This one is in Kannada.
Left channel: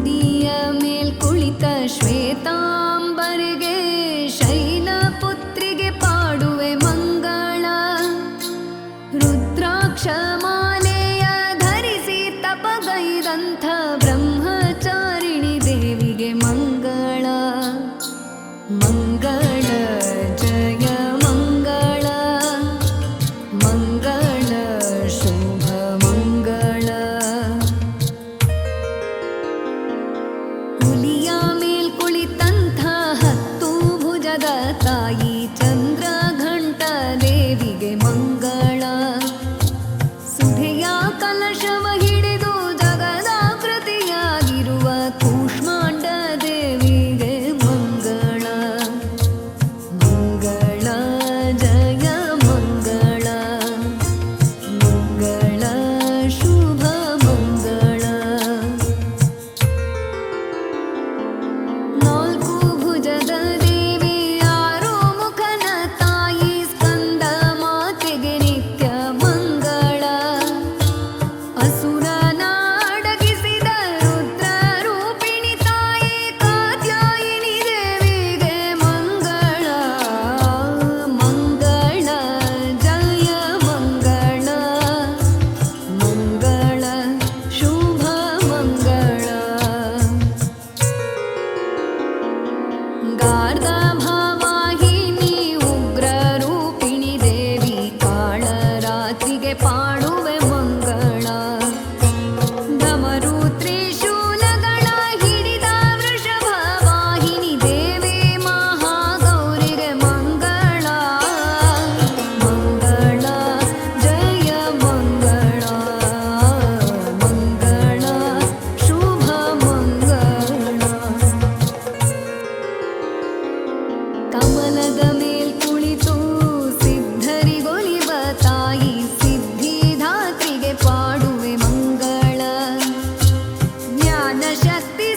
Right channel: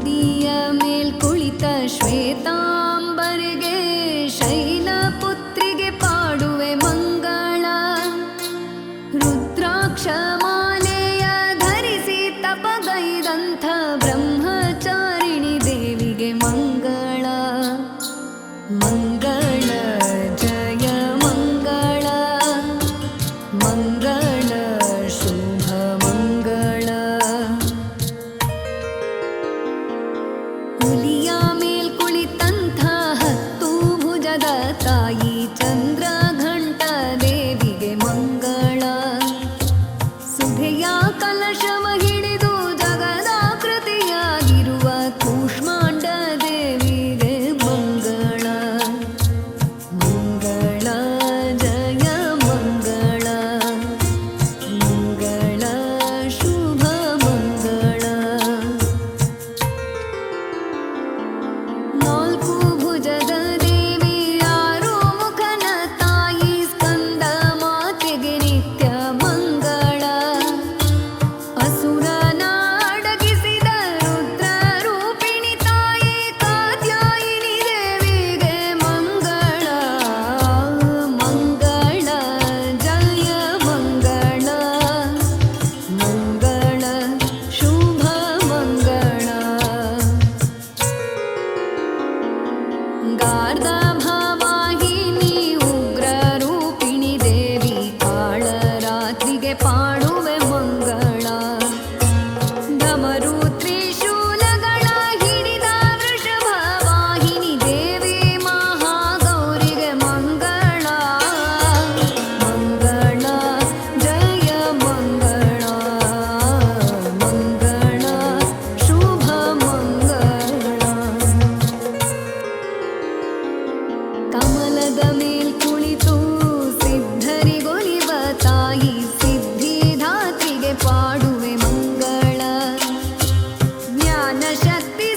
ನಂದಿಯ ಮೇಲ್ ಕುಳಿತ ಶ್ವೇತಾಂಬರಿಗೆ ಶೈಲಪುತ್ರಿಗೆ ಪಾಡುವೆ ಮಂಗಳ. ರುದ್ರಾಕ್ಷ ಮಾಲೆಯ ಧರಿಸಿ ತಪಗೈದಂಥ ಬ್ರಹ್ಮಚಾರಿಣಿ ದೇವಿಗೆ ಮಂಗಳ. ಮಂಗಳ ಜಯ ಮಂಗಳ, ಮಂಗಳ ಶುಭ ಮಂಗಳ. ಹುಲಿಯ ಮೇಲ್ ಕುಳಿತಂಥ 10 ಭುಜದ ತಾಯಿ ಚಂದ್ರಘಂಟ ದೇವಿಗೆ ಮಂಗಳ. ಸುಧೆಯ ಕಲಶವ ಹಿಡಿದು ಜಗದಾಕೃತಿಯಾಗಿರುವ ಕೂಷ್ಮಾಂಡ ದೇವಿಗೆ ಮಂಗಳ. ಮಂಗಳ ಜಯ ಮಂಗಳ, ಮಂಗಳ ಶುಭ ಮಂಗಳ. 4 ಭುಜದ ದೇವಿ 6 ಮುಖನ ತಾಯಿ ಸ್ಕಂದ ಮಾತೆಗೆ ನಿತ್ಯ ಮಂಗಳ. ಅಸುರನ ಅಡಗಿಸಿದ ರುದ್ರ ರೂಪಿಣಿ ತಾಯಿ ಕಾತ್ಯಾಯಿನಿ ದೇವಿಗೆ ಮಂಗಳ. ಮಂಗಳ ಜಯ ಮಂಗಳ, ಮಂಗಳ ಶುಭ ಮಂಗಳ. ಗಾರ್ಧ ಭಾವಾಹಿನಿ ಉಗ್ರ ರೂಪಿಣಿ ದೇವಿ ಕಾಳರಾತ್ರಿಗೆ ಪಾಡುವೆ ಮಂಗಳ. ಢಮರು ತ್ರಿಶೂಲಗಳ ಹಿಡಿದ ವೃಷಭ ವಾಹಿನಿ ದೇವಿ ಮಹಾಗೌರಿಗೆ ಮಂಗಳ. ಮಂಗಳ ಜಯ ಮಂಗಳ, ಮಂಗಳ ಶುಭ ಮಂಗಳ. ಕಮಲದ ಮೇಲ್ ಕುಳಿತು ಸಿದ್ಧರಿಗೊಲಿವ ತಾಯಿ ಸಿದ್ಧಿದಾತ್ರಿಗೆ ಪಾಡುವೆ ಮಂಗಳ. ಜ್ಞಾನ ಶಕ್ತಿ